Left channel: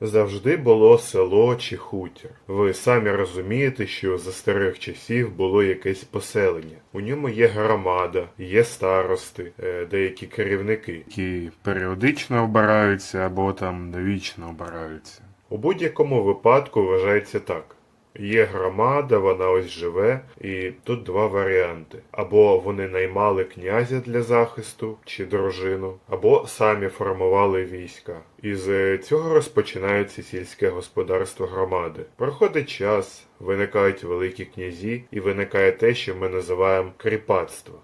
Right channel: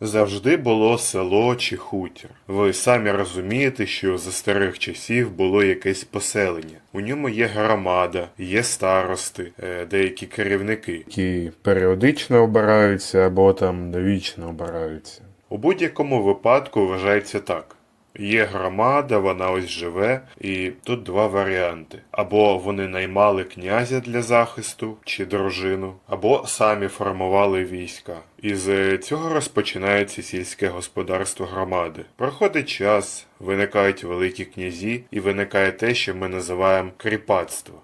Завжди було село чи хутір. Ви самі розумієте, що за старих часів було якесь поселення. У ньому є громада, є старости, е, деякі керівники, які періодично обираються або там довічно обираються. У будь-якому випадку вважається так. Є громада, вона ось живе, і тут два варіанти: або вони наймали князя для захисту чи дружину, або самі формували війська. І з цього розпочинається сільське господарство громади. Проходить час, виникають великі князі, і виникає те, що ми називаємо кріпацтво.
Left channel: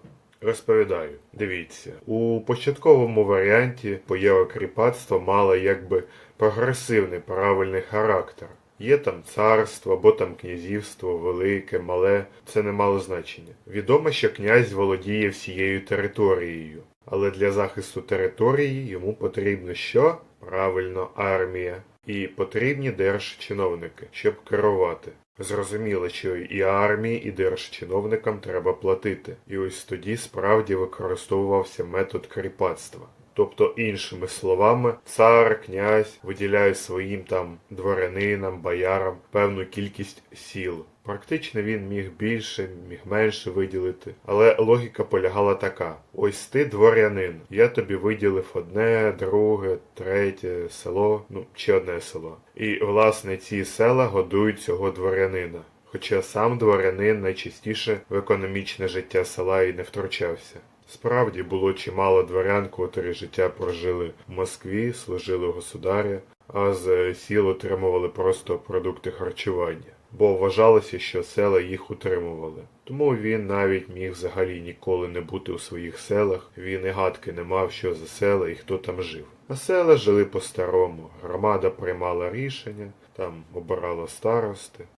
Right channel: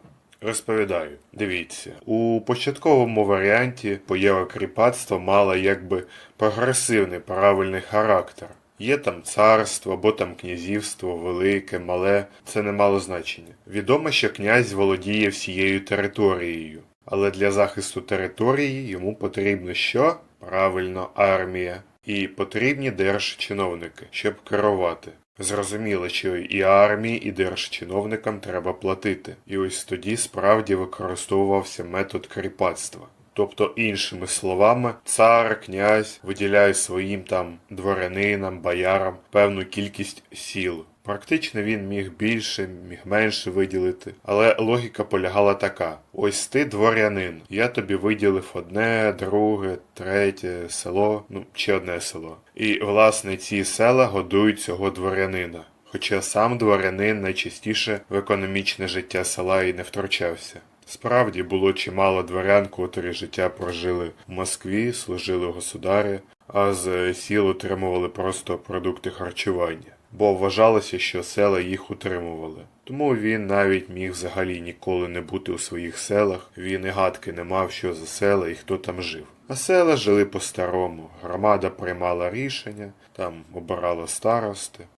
Розповідаю, дивіться, у початковому варіанті поява кріпацтва мала якби прогресивний правильний характер. Є там царство або там князівство, велике, мале, це не мало значення. Відомо, що князь володіє всією територією, але для захисту території йому потрібно що? Правильно, армія. І потрібні держчиновники, щоб керувати. Зрозуміло, що і армії, і держчиновникам треба платити. І ось тоді справді використовувався метод кріпацтва. Тобто, іншими словами, цар, князь виділяє своїм там дворянинам, боярам певну кількість сіл. Практично він міг більше, міг менше виділити, але логіка полягала така: ось ти дворянин, я тобі виділив одне, друге, третє село, ну чи одне село. І власне ці села годують цього дворянина. Хоча сам дворянин найчастіше в економічне життя села і не втручався. Справді було чимало дворян, котрі життя прожили в Москві, служили государі, а з сіл отримували просто продукти харчування, бо вважалося, що села їх утримували. Тому він навіть міг взагалі ніколи не бути у своїх селах, він і гадки не мав, що за села і хто там жив. А села жили по-старому, громада приймала рішення, там обирала старости.